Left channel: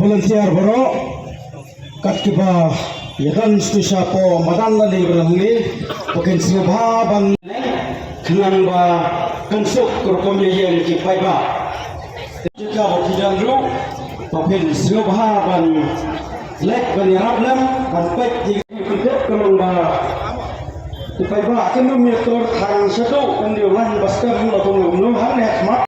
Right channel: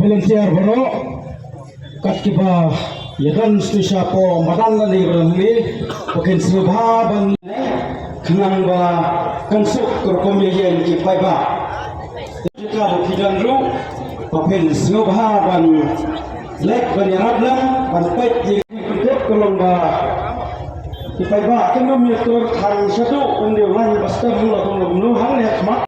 volunteer boro katkiba yadan spesya po madan lali berangli pakin subha ban kenang ba konsuk kerkom yen ki paiba jika bukidan ru pakin subha ban lek ban yarab lam ban pek di pidet kolong ba ki paiba kenum yetor thang satu undiwan baskar lu atau lu hang nek mak